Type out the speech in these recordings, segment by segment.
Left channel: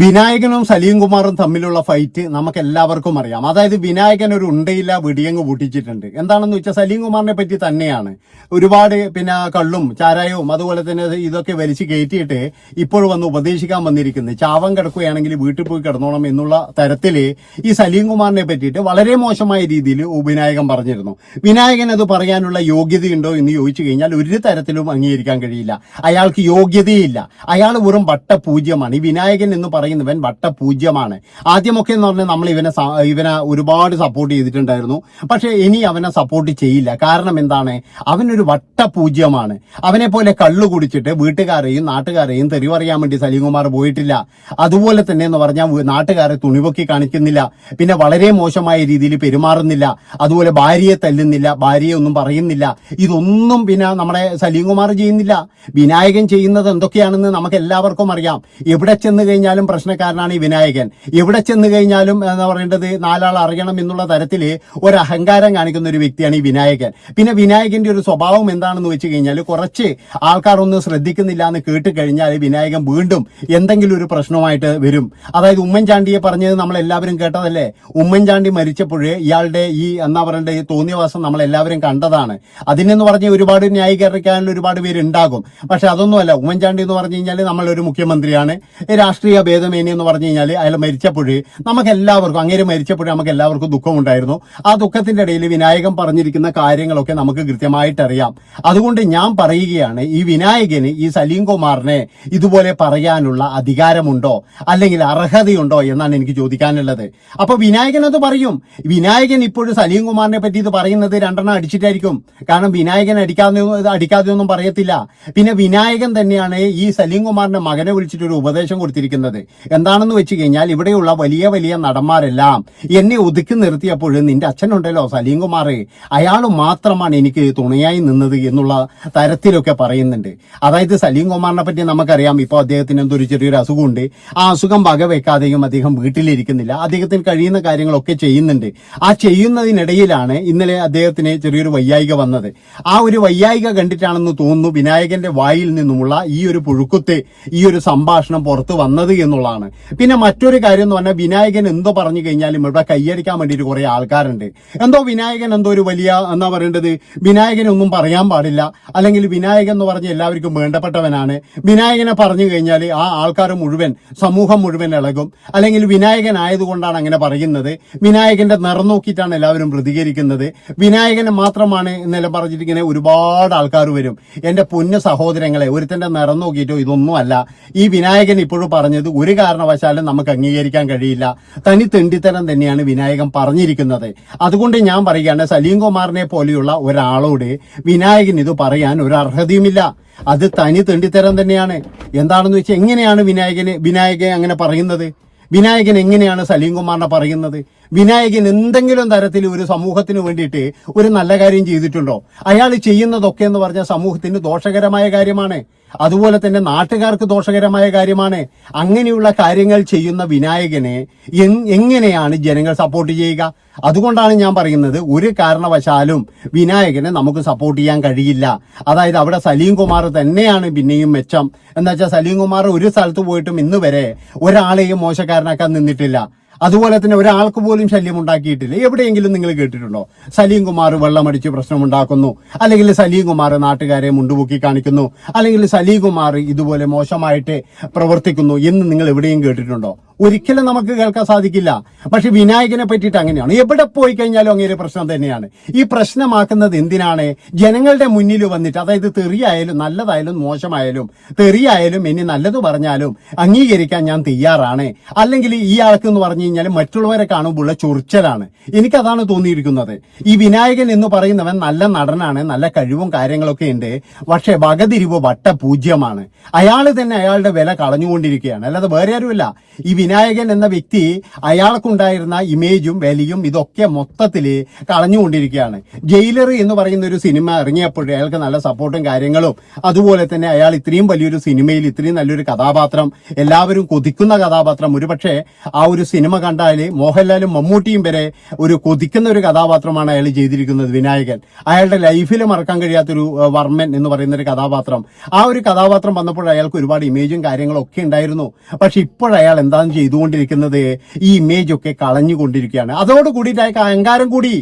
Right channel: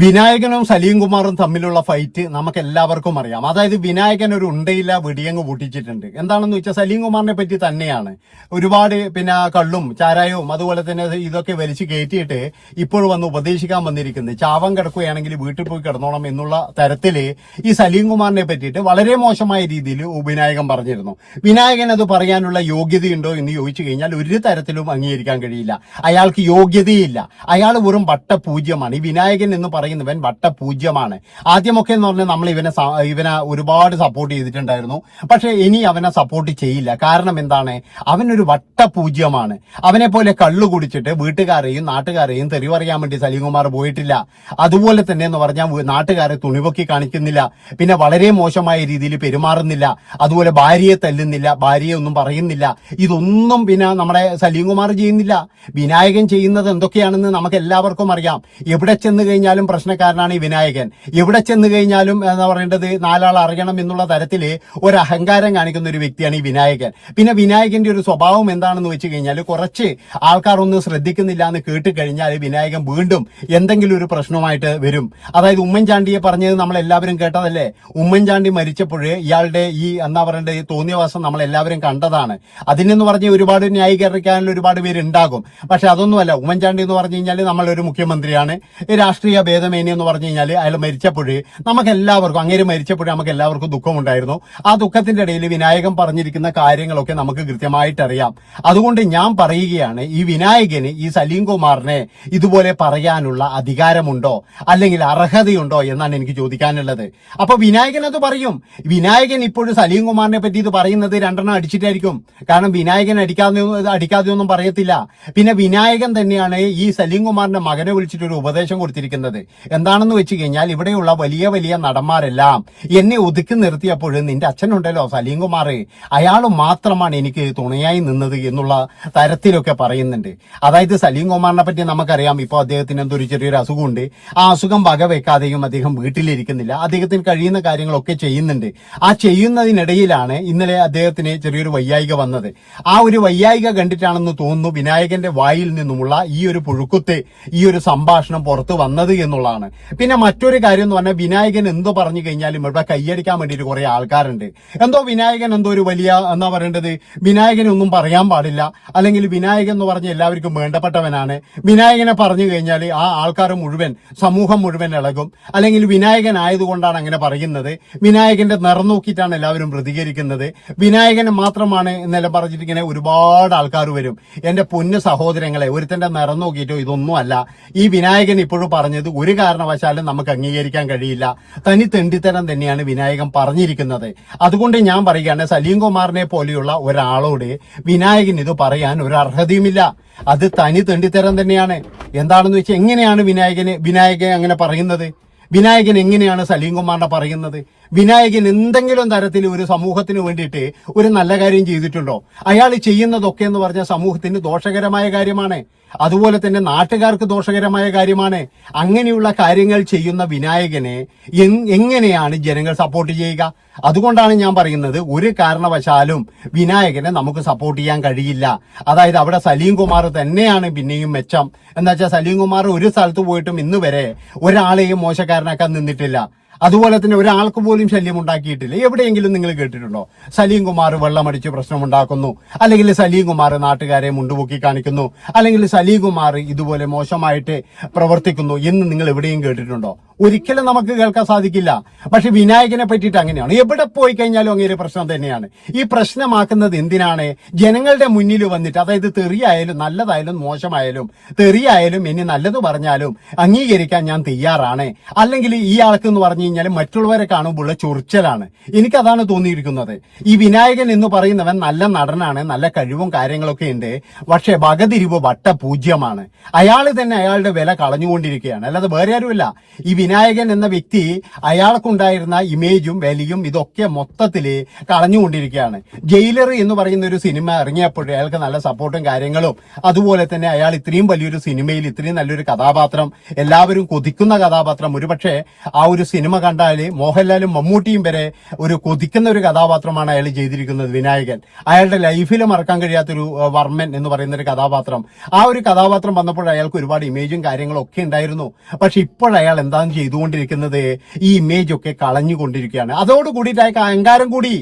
വിനായകനും സലീം കുമാറും തമ്മിലുള്ള ഫൈറ്റ് നമുക്ക് എല്ലാവർക്കും അറിയാം. അതായത് വിനായകൻ ഒരു ഉണ്ടയില്ല വെടിയങ്ങ് പൊട്ടിച്ചിട്ടുണ്ട്. എന്താണെന്ന് വെച്ചാൽ സലീം കുമാറിനെ പറ്റി തന്നെയാണ്. ഒരുപാട് പിന്നെ കള്ളും ചാരായവും അതുപോലെ തന്നെ ഇതൊക്കെ വലിച്ചു കയറ്റിയിട്ട് ഇപ്പോൾ വന്ന് ഉപദേശിക്കാൻ വന്നിരിക്കുന്നത്. ചാവം കിടക്കുകയാണെങ്കിൽ വീട്ടിൽ പോയി കിടന്നോണം എന്നുള്ള തരത്തിൽ ഈ സലീം കുമാറിനെ പറ്റിയിട്ട് വളരെ മോശമായ രീതിയിൽ വിനായകൻ പറഞ്ഞിരുന്നു. വിനായകൻ അത് പറയാനുള്ള യോഗ്യതയുണ്ടോ എന്ന് ചോദിച്ചു കഴിഞ്ഞാൽ ഒരു തരത്തിലും അംഗീകരിക്കാൻ കഴിയില്ല. അയാൾക്ക് യോഗ്യതയില്ല. അയാൾ വെറും വട്ടപൂജ്യമാണ്. ഈ വിനായകൻ എന്ന് പറയുന്നവൻ വട്ടപൂജ്യമാണ്. ആദ്യമൊക്കെ എന്ന് പറഞ്ഞാൽ നമ്മൾ ഇവനെ ഇവനെ ഒരുപാട് സപ്പോർട്ട് ചെയ്തിട്ടുണ്ടായിരുന്നു. പക്ഷെ ഇനി അവനെ സപ്പോർട്ട് ചെയ്യില്ല. കാരണം എന്താണ്? അവനൊരു വട്ടപൂജ്യമാണ്. അവനെ പോലെ കള്ളു കുടിച്ചിട്ട് വീട്ടുകാരെയും നാട്ടുകാരെയും തെറി പറയാൻ വേണ്ടി സലീംകുമാർ പോയിട്ടില്ല. അതുപോലെ തന്നെ എന്ന് പറഞ്ഞാൽ നാട്ടുകാരെ തുണിപൊക്കി കാണിക്കുന്നില്ല. പിന്നെ വളരെ മോശമായ രീതിയിൽ പെരുമാറുന്നില്ല. അതുപോലെ ഭാര്യയെ തല്ലുന്നില്ല. ഭാര്യയെ ഒന്നും പറയുന്നില്ല. ഇതൊന്നും പിന്നെ നമ്മുടെ സലീംകുമാർ ചെയ്യുന്നില്ല. വിനായകൻ ചെയ്യുന്നത് എന്തൊക്കെയാണെന്ന് നമുക്ക് എല്ലാവർക്കും അറിയാം. എവിടെ ചെന്ന് കഴിഞ്ഞാലും പ്രശ്നക്കാരനാണ് ഈ വിനായകൻ. എവിടെ ചെന്ന് കഴിഞ്ഞാലും എന്താ പറയേണ്ടത് നാലാൾ അറിയണം എന്നുള്ള തരത്തിൽ ഒരു അഹങ്കാരം കാണിക്കുന്ന ഒരു വ്യക്തിയാണ് ഈ വിനായകൻ. പിന്നെ വിനായകന്റെ ഒരു സ്വഭാവം എന്താണെന്ന് വെച്ച് കഴിഞ്ഞാൽ കുറച്ച് ആൾക്കാർ ഒന്നും ശ്രദ്ധിക്കുന്നില്ല എന്ന് കേട്ട് കഴിഞ്ഞാൽ വിനായകൻ വീണ്ടും എന്തെങ്കിലും ഒരു പ്രശ്നമായിട്ട് വരും. അതായത് ഉമ്മൻചാണ്ടിയെ പറഞ്ഞത് നമ്മൾ എല്ലാവരും കേട്ടതല്ലേ? ഉമ്മൻചാണ്ടി മരിച്ചപ്പോൾ ഇയാളുടെ ഈ എന്നാ പറയേണ്ടത് തോന്നിയവാസം നമ്മൾ എല്ലാവരും കണ്ടതാണ്. അതിനെന്ന് പറഞ്ഞ് ഒരുപാട് ന്യായീകരിക്കാനുള്ള ഒരുപാട് പേര് ഉണ്ടാകും പക്ഷെ അതൊന്നുമല്ല. ഉമ്മൻചാണ്ടി എന്ന് പറഞ്ഞു കഴിഞ്ഞാൽ നമ്മളൊരു മുഖ്യമന്ത്രിയാണ്. രാഷ്ട്രീയ ഭേദമേനി എന്ന് പറഞ്ഞു കഴിഞ്ഞാൽ അയാൾ മരിച്ചപ്പോൾ നമുക്ക് എല്ലാവർക്കും അങ്ങേര് മരിച്ചപ്പോൾ നമുക്ക് എല്ലാവർക്കും ദുഃഖമുണ്ടായിരുന്നു. ആ ദുഃഖത്തിന്റെ ഇടയിൽ വിനായകൻ പറഞ്ഞിരിക്കുന്ന കാര്യങ്ങളൊക്കെ നമുക്ക് കൃത്യമായിട്ട് അറിയാം അതുകൊണ്ട് ഞാൻ പറയുകയാണ് ഈ വിനായകന് ഈ സലീം കുമാറിനെ ഇതുപോലെ പറയാനുള്ള അധികാരമുണ്ടോ? അല്ലെങ്കിൽ അർഹതയുണ്ടോ എന്നാണ് എനിക്ക് ചോദിക്കാനുള്ളത്. അപ്പൊ വിനായകൻ അത് പറയും. വിനായകൻ ഇപ്പോഴും സലീം കുമാറിനെ പറ്റി ഇത് പറയുന്നത് രണ്ടെണ്ണം അടിച്ചിട്ടായിരിക്കും. കാരണം വിനായകൻ അടിക്കാതെ അടിക്കാതെ ഒന്നും പറയത്തില്ല. പിന്നെ വിനായകൻ തന്നെയാണ് ഈ സലീം കുമാറിന്റെ മകനെ വിളിച്ചിട്ട് ഒരു ഉപദേശം കൊടുത്തിരിക്കുന്നത്. എന്താണെന്ന് വെച്ച് കഴിഞ്ഞാൽ ഇവിടെയുള്ള വലിയ വലിയ നടന്മാരെല്ലാം എന്നെ ഒതുക്കി നിർത്തിയപ്പോൾ നിന്റെ അച്ഛനുണ്ടല്ലോ സലീം കുമാർ അയാൾ മാത്രമാണ് എനിക്ക് തുണയായി നിന്നത് എന്നുള്ള തരത്തിലൊക്കെ പറയുന്നുണ്ട്. അതായത് സലീം കുമാറിനെ പറ്റി നമുക്കറിയാം ഇപ്പോൾ അദ്ദേഹത്തിന് എന്തൊരു ചെറിയൊരു അസുഖമുണ്ട്. ആ അസുഖം വകവെക്കാതെയും അദ്ദേഹം വീട്ടിലിരിക്കുന്നില്ല. അദ്ദേഹത്തിന് കഴിയുന്ന കാര്യങ്ങളൊക്കെ ചെയ്യുന്നുണ്ട്. ആ ചെയ്യുന്നതിനിടയിലാണ് ഇന്നലെ അദ്ദേഹത്തിന് ചെറിയൊരു വയ്യായിക വന്നത്. ആ ഒരു വയ്യായിക കണ്ടിട്ടാണെന്ന് തോന്നുന്നു വിനായകന്റെ വായിൽ നിന്നുമുള്ള ഈ ഒരു പുഴുക്കുത്ത് ഈ ഒരു സംഭാഷണം പുറത്തു വന്നത് എന്നുള്ളതാണ് പിന്നെ മറ്റൊരു കാര്യം എന്ന് പറഞ്ഞാൽ വിനായകൻ എന്തോ പറഞ്ഞു കഴിഞ്ഞാലും ഇവിടെ കൈയടിക്കാൻ വേണ്ടിയിട്ട് കുറെ ആൾക്കാരുണ്ട്. എന്തോ വിനായകൻ എന്തോ ഒരു വലിയ എന്താ പറയേണ്ടത്? വിനായകനെ ഒന്നും പറയാൻ പാടില്ല. അല്ലെങ്കിൽ വിനായകൻ എന്ന് പറഞ്ഞ എല്ലാവർക്കും വേണ്ടപ്പെട്ടവനാണ്. വിനായകനെ പറഞ്ഞു കഴിഞ്ഞാൽ ആ ആൾക്കാർ മുഴുവൻ സമൂഹം മുഴുവൻ ഇളകും. അല്ലെങ്കിൽ വിനായകൻ ആയതുകൊണ്ടാണ് അങ്ങനെ പറയുന്നത്. വിനായകന്റെ നിറം നോക്കിയിട്ടാണ് എല്ലാവരും പ്രതികരിക്കുന്നത്. വിനായകനെ മാത്രമാണ് എന്നെല്ലാം പറഞ്ഞിട്ട് ഇങ്ങനെ ഒരുപാട് ആൾക്കാർ വരും. എന്റെ പൊന്ന് സഹോദരങ്ങളെ ഒരുത്തന്റെ നിറം നോക്കിയിട്ടോ ഇതൊന്നും അല്ല ഈ വിനായകൻ ഇപ്പോഴും പറഞ്ഞത് ഒരു കാരണവശാലും നമുക്ക് അംഗീകരിക്കാൻ കഴിയില്ല. തനി തെണ്ടിത്തരം തന്നെയാണ് വിനായകൻ പറഞ്ഞിരിക്കുന്നത്. അതുകൊണ്ട് ഞാൻ പറയുകയാണ് സലീം കുമാറിനെ പോലെയുള്ള ഒരാളോട് വിനായകൻ ഇത് പറയാൻ ഒരു അർഹതയുമില്ല. അത് തനി തെണ്ടിത്തരം തന്നെയാണ്. എന്താണെന്ന് വെച്ചാൽ എങ്ങനെയാണ് വിനായകന് വിനായകൻ അങ്ങനെ പറയുന്നത്? വിനായകൻ എങ്ങനെയാണ് സലീം കുമാറിനെ പറയുന്നത്? വിനായകൻ എന്തെങ്കിലും തരത്തിൽ ഒരു സമൂഹത്തിന് വേണ്ടിയിട്ട് ഒരു നല്ല കാര്യം ചെയ്തിട്ടുണ്ടോ? അയാൾ ചെയ്യുന്നതൊക്കെ എന്ന് പറഞ്ഞാൽ സമൂഹത്തിന് ദോഷകരമായ കാര്യമാണ്. അതുപോലെ തന്നെ നാട്ടുകാർക്ക് ദോഷകരമായ കാര്യമാണ്. അങ്ങനെയുള്ള കാര്യങ്ങൾ ചെയ്യുന്ന വിനായകനെ എങ്- എങ്ങനെയാണ് ജനങ്ങൾ സപ്പോർട്ട് ചെയ്യുക? അതുകൊണ്ടാണ് ഞാൻ പറയുന്നത് ഒരു കാരണവശാലും വിനായകനെ നമുക്ക് സപ്പോർട്ട് ചെയ്യാൻ കഴിയില്ല. അതായത് അവിടെ സലീം കുമാർ തന്നെയാണ് പിന്നെയും മെച്ചം. എന്നുവെച്ചാൽ സലീം കുമാർ ഒരു സ്ഥലത്ത് പോയിട്ടും ഇന്ന് വരെ ഒരാളെയും മോശക്കാരനാക്കാൻ നിന്നിട്ടില്ല. അതുപോലെ തന്നെ ഒരാൾക്ക് പോലും ശല്യം ഉണ്ടാക്കിയിട്ടില്ല എവിടെയെങ്കിലും നിങ്ങൾ കേട്ടിട്ടുണ്ടോ? സലീം കുമാർ വെള്ളമടിച്ച് പ്രശ്നമുണ്ടാക്കുന്നു. അല്ലെങ്കിൽ സലീം കുമാർ നാട്ടുകാരെ മുണ്ടുപൊക്കി കാണിക്കുന്നു. അല്ലെങ്കിൽ സലീം കുമാർ ഇതുപോലെ മോശമായിട്ട് പ്രവർത്തിക്കുന്നു എന്ന് നിങ്ങൾ എവിടെയും കേട്ടിട്ടുണ്ടോ? ഒരിക്കലും നമുക്ക് കേൾക്കാൻ സാധിക്കില്ല. പക്ഷെ വിനായകനെ പറ്റിയിട്ട് അങ്ങനെയാണ്. എവിടെ പോയി കഴിഞ്ഞാലും അങ്ങനെ പ്രശ്നം തന്നെയാണ്. ഈ പ്രശ്നമാക്കുന്നത് എന്തിനാണ്? ജനങ്ങളുടെ മുന്നിൽ വന്നിട്ട് അതായത് തെറിയായാലും നല്ലതായാലും മോശമായാലും തെറിയായാലും ഇനി നല്ലത് പറഞ്ഞാലും അംഗീകരിക്കാൻ ഞാൻ തയ്യാറാണ്. അല്ലെങ്കിൽ ഈ ആൾക്ക് എന്ന് പറഞ്ഞു കഴിഞ്ഞാൽ മറ്റുള്ളവരെ കാണുമ്പോൾ ചൊറിച്ചലാണ്. എനിക്കതാണ് തോന്നിയിരിക്കുന്നത്. ഈ വിനായകൻ എന്ന് പറയുന്നവൻ നല്ല നടനാണ് നല്ല കഴിവും കാര്യങ്ങളൊക്കെ ഉണ്ട്. പക്ഷെ വകതിരിവ് വട്ട പൂജ്യമാണ് അയാൾ തന്നെ അയാളുടെ വില കളഞ്ഞുകൊണ്ടിരിക്കുകയാണ്. അല്ലാതെ വേറെ ആരുമില്ല. ഈ വിനായകൻ എന്ന വ്യക്തി അയാൾക്കുണ്ടായിരുന്ന ഇമേജും വിലയും ഇതൊക്കെ മൊത്തത്തിൽ കളഞ്ഞുകൊണ്ടിരിക്കുകയാണ്. ജയിലർ എന്ന് പറയുന്ന ഒരു സിനിമ ഇറങ്ങിയപ്പോൾ അയാൾക്ക് നല്ല സപ്പോർട്ടും കാര്യങ്ങളും. അതുപോലെ തന്നെ അയാൾ ഇത്രയും വലിയൊരു സിനിമയിൽ ഇത്രയും നല്ലൊരു കഥാപാത്രം എല്ലാവരും കൊതിക്കുന്ന കഥാപാത്രം. ഒരുപക്ഷെ ആ ഒരു സിനിമ കണ്ടാൽ മോഹൻലാലും മമ്മൂട്ടിയും വരെ ഒരു കൊതിക്കുന്ന ഒരു കഥാപാത്രമാണ് അയാൾ ചെയ്തിരിക്കുന്നത് വിനായകൻ. അയാളുടെ ലൈഫിൽ മറക്കാൻ കഴിയാത്തൊരു വർമ്മൻ എന്ന് പറയുന്ന ഒരു കഥാപാത്രം. ആ ഒരു കഥാപാത്രം വന്നപ്പോൾ അയാൾക്ക് ഒരുപാട് ഇമേജും കാര്യങ്ങളും ഒക്കെ ഉണ്ടായിരുന്നു. പക്ഷെ ഇപ്പോൾ അയാൾ എന്താണ് ചെയ്തുകൊണ്ടിരിക്കുന്നത് ഈ ഇമേജ് ഒക്കെ കളഞ്ഞുകൊണ്ടിരിക്കുകയാണ്. അതോട് കൂടിയിട്ട് അയാൾക്ക് അഹങ്കാരം കൂടി.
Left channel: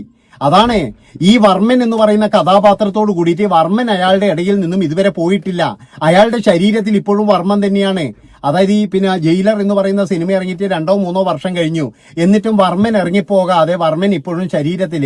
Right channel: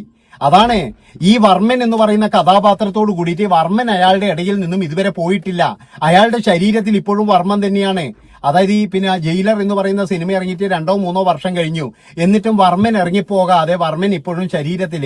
അതാണ് ഈ വർമ്മൻ എന്ന് പറയുന്ന കഥാപാത്രത്തോട് കൂടിയിട്ട് വർമ്മൻ അയാളുടെ ഇടയിൽ നിന്നും ഇതുവരെ പോയിട്ടില്ല. അയാളുടെ ശരീരത്തിൽ ഇപ്പോഴും വർമ്മൻ തന്നെയാണ്. അതായത് ഈ പിന്നെ ജയിലർ എന്ന് പറയുന്ന സിനിമ ഇറങ്ങിയിട്ട് രണ്ടോ മൂന്നോ വർഷം കഴിഞ്ഞു. എന്നിട്ടും വർമ്മൻ ഇറങ്ങിപ്പോകാതെ വർമ്മൻ ഇപ്പോഴും ശരീരത്തിൽ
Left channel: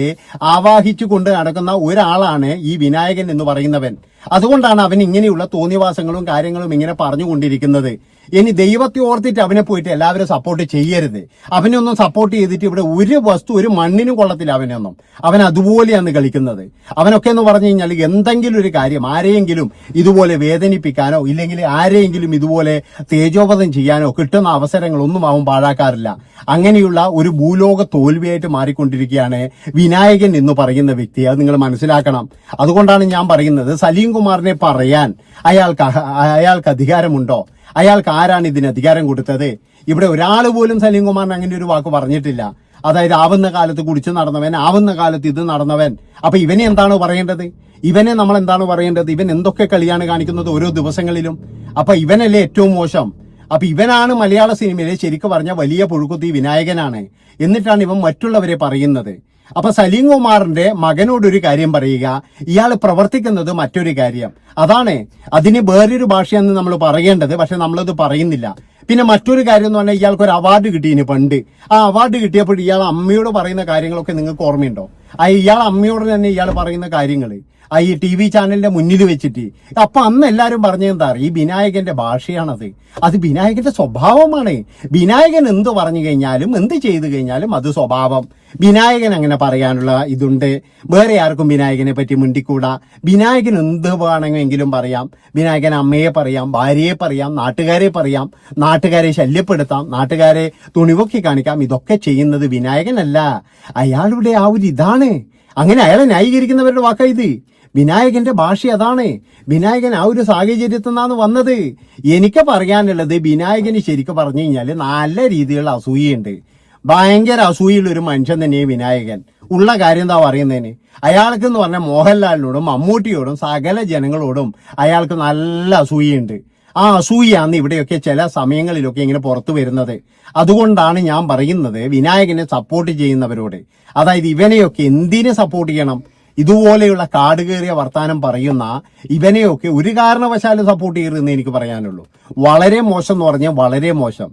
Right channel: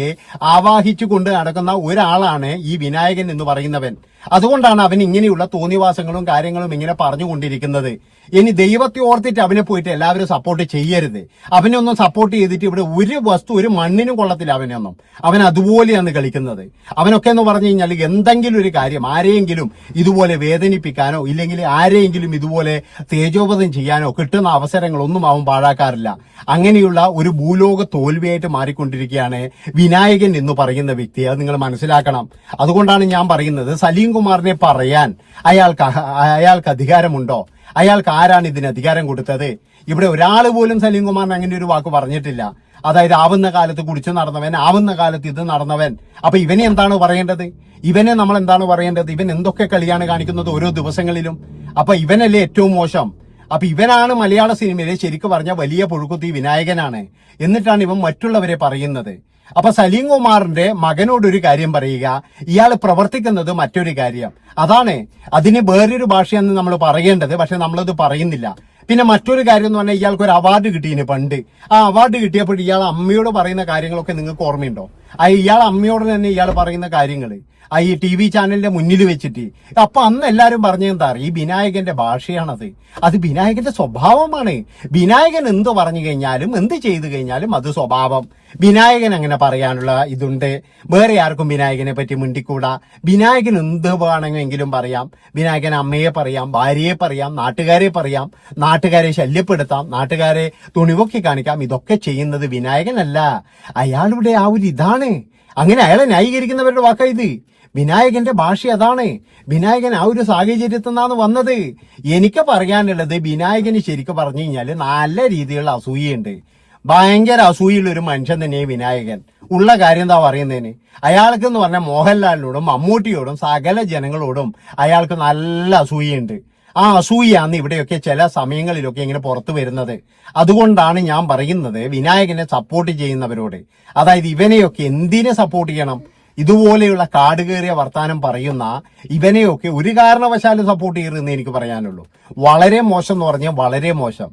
ആവാഹിച്ചു കൊണ്ട് നടക്കുന്ന ഒരാളാണ് ഈ വിനായകൻ എന്ന് പറയുന്നവൻ. അതുകൊണ്ടാണ് അവൻ ഇങ്ങനെയുള്ള തോന്നിവാസങ്ങളും കാര്യങ്ങളും ഇങ്ങനെ പറഞ്ഞുകൊണ്ടിരിക്കുന്നത്. ഇനി ദൈവത്തെ ഓർത്തിട്ട് അവനെ പോയിട്ട് എല്ലാവരും സപ്പോർട്ട് ചെയ്യരുത്. അവനെ ഒന്നും സപ്പോർട്ട് ചെയ്തിട്ട് ഇവിടെ ഒരു വസ്തു ഒരു മണ്ണിനും കൊള്ളത്തില്ല അവനൊന്നും അവൻ അതുപോലെയാണ് കളിക്കുന്നത്. അവനൊക്കെ എന്ന് പറഞ്ഞു കഴിഞ്ഞാൽ എന്തെങ്കിലും ഒരു കാര്യം ആരെയെങ്കിലും ഇതുപോലെ വേദനിപ്പിക്കാനോ ഇല്ലെങ്കിൽ ആരെയെങ്കിലും ഇതുപോലെ തേജോപതം ചെയ്യാനോ കിട്ടുന്ന അവസരങ്ങളൊന്നും അവൻ പാഴാക്കാറില്ല. അങ്ങനെയുള്ള ഒരു ഭൂലോക തോൽവിയായിട്ട് മാറിക്കൊണ്ടിരിക്കുകയാണ് വിനായകൻ എന്ന് പറയുന്ന വ്യക്തി. അത് നിങ്ങൾ മനസ്സിലാക്കണം. അതുകൊണ്ടാണ് ഞാൻ പറയുന്നത് സലീം കുമാറിനെ പറയാൻ അയാൾക്ക് അയാൾക്ക് അധികാരമുണ്ടോ? അയാൾക്ക് ആരാണ് ഇതിന് അധികാരം കൊടുത്തത്? ഇവിടെ ഒരാൾ പോലും സലീം കുമാറിന് അങ്ങനെ ഒരു വാക്ക് പറഞ്ഞിട്ടില്ല. അതായത് ആവുന്ന കാലത്ത് കുടിച്ചു നടന്നവൻ ആവുന്ന കാലത്ത് ഇത് നടന്നവൻ. അപ്പൊ ഇവനെ എന്താണ് പറയേണ്ടത്? ഇവനെ നമ്മൾ എന്താണ് പറയേണ്ടത്? ഇവൻ എന്തൊക്കെ കളിയാണ് കാണിക്കുന്നത് ഓരോ ദിവസങ്ങളിലും? അപ്പൊ ഇവനല്ലേ ഏറ്റവും മോശം? അപ്പൊ ഇവനാണ് മലയാള സിനിമയിലെ ശരിക്കും പറഞ്ഞ വലിയ പുഴുക്കുത്തി വിനായകനാണ്. എന്നിട്ടാണ് ഇവൻ മറ്റുള്ളവരെ പറയുന്നത്. അപ്പൊ സലീം കുമാറിന്റെ മകനോട് ഒരു കാര്യം പറയുക. ഇയാൾ പ്രവർത്തിക്കുന്നത് മറ്റൊരു കാര്യം. അതാണ് അതിന് വേറൊരു ഭാഷയെന്ന് നമ്മൾ പറയേണ്ടത് പക്ഷെ നമ്മളത് പറയുന്നില്ല. പിന്നെ മറ്റൊരു കാര്യം എന്ന് പറഞ്ഞാൽ ഇയാൾക്ക് ഒരു അവാർഡ് കിട്ടിയിന് പണ്ട്. ആ അവാർഡ് കിട്ടിയപ്പോൾ ഇയാൾ അമ്മയോട് പറയുന്ന കാര്യങ്ങളൊക്കെ നിങ്ങൾക്ക് ഓർമ്മയുണ്ടോ? ആ ഇയാൾ അമ്മയോട് തന്നെ ഇയാൾ പറയുന്ന കാര്യങ്ങൾ ഈ ടി വി ചാനലിന്റെ മുന്നിൽ വെച്ചിട്ട്. അപ്പൊ അന്ന് എല്ലാരും പറഞ്ഞെന്താ ഈ വിനായകന്റെ ഭാഷയാണത്. അത് വിനായകന്റെ സ്വഭാവമാണ്. വിനായകൻ എന്ത് പറഞ്ഞു കഴിഞ്ഞാലും എന്ത് ചെയ്തു കഴിഞ്ഞാലും അത് സ്വഭാവം. വിനായകൻ അങ്ങനെ പറയാനുള്ള ഇതുണ്ട്. വേറെ ആർക്കും വിനായകനെ പറ്റി മുണ്ടിക്കൂടാ. വിനായകൻ എന്ത് വേണമെങ്കിലും പറയാം. വിനായകൻ അമ്മയെ പറയാം ഭാര്യയെ പറയാം നാട്ടുകാരെ പറയാം നാട്ടുകാരെ ശല്യപ്പെടുത്താം നാട്ടുകാരെ തുണിവൊക്കി കാണിക്കാം. ഇതൊക്കെ ചെയ്യുന്നത് വിനായകനല്ല. അയാളുടെ ആ ഒരു ഇതാണ്. അങ്ങനെ അയാളെ ന്യായീകരിക്കുന്നവരുടെ വാക്കാ ഇത്. വിനായകന്റെ ഭാഷ അതാണ്. വിനായകൻ ആ ഒരു സാഹചര്യത്തിൽ നിന്നാണ് വന്നത്. എനിക്ക് പറയാനുള്ളത് വിനായകന് ശരിക്കും പറഞ്ഞു കഴിഞ്ഞാൽ നല്ല രീതിയിലുള്ള അസൂയുണ്ട് ഭയങ്കര അസൂയുള്ള ഒരു മനുഷ്യൻ തന്നെയാണ് വിനായകൻ. ഉള്ള കാര്യം എന്താ പറയുന്നതിന്? അയാൾക്ക് എന്ന് പറഞ്ഞാൽ മോഹൻലാലിനോടും മമ്മൂട്ടിയോടും സകല ജനങ്ങളോടും അയാൾക്ക് നല്ല അസൂയുണ്ട് ആ അസൂയാണ് ഇവിടെയൊക്കെ ചില സമയങ്ങളിലൊക്കെ ഇങ്ങനെ പുറത്തു വരുന്നത്. അതുകൊണ്ടാണ് ഞാൻ പറയുന്നത് വിനായകനെ സപ്പോർട്ട് ചെയ്യുന്നവരോട്. അതായത് ഇവനെയൊക്കെ എന്തിനെ സപ്പോർട്ട് ചെയ്യണം? ഇതുപോലെയുള്ള കാട് കയറിയ വർത്താനം പറയുന്ന ഇവനെയൊക്കെ ഒരു കാരണവശാലും സപ്പോർട്ട് ചെയ്യരുതെന്ന് എനിക്ക് പറയാനുള്ളൂ. വളരെ മോശം എന്ന് പറഞ്ഞാൽ വളരെ മോശം.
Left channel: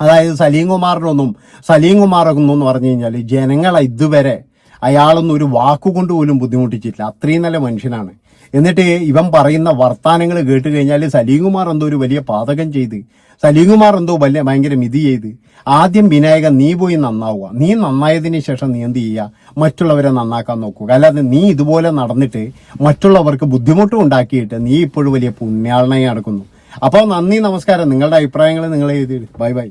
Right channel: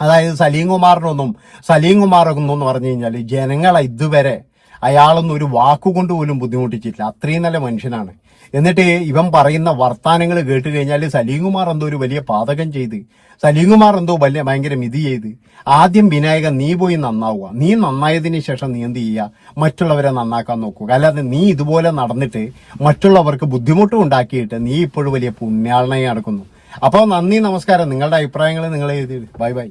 അതായത് സലീം കുമാറിനൊന്നും സലീം കുമാറൊന്നും എന്ന് പറഞ്ഞു കഴിഞ്ഞാൽ ജനങ്ങളെ ഇതുവരെ അയാളൊന്നും ഒരു വാക്കുകൊണ്ട് പോലും ബുദ്ധിമുട്ടിച്ചിട്ടില്ല. അത്രയും നല്ല മനുഷ്യനാണ്. എന്നിട്ട് ഇവൻ പറയുന്ന വർത്താനങ്ങൾ കേട്ട് കഴിഞ്ഞാൽ സലീം കുമാർ എന്തോ ഒരു വലിയ പാതകം ചെയ്ത് സലീം കുമാർ എന്തോ വലിയ ഭയങ്കര മിതി ചെയ്ത് ആദ്യം വിനായകൻ നീ പോയി നന്നാവുക. നീ നന്നായതിനു ശേഷം നീ എന്ത് ചെയ്യുക? മറ്റുള്ളവരെ നന്നാക്കാൻ നോക്കുക. അല്ലാതെ നീ ഇതുപോലെ നടന്നിട്ട് മറ്റുള്ളവർക്ക് ബുദ്ധിമുട്ടും ഉണ്ടാക്കിയിട്ട് നീ ഇപ്പോഴും വലിയ പുണ്യാളനായി നടക്കുന്നു. അപ്പോൾ നന്ദി നമസ്കാരം. നിങ്ങളുടെ അഭിപ്രായങ്ങൾ നിങ്ങൾ എഴുതി ബൈ ബൈ.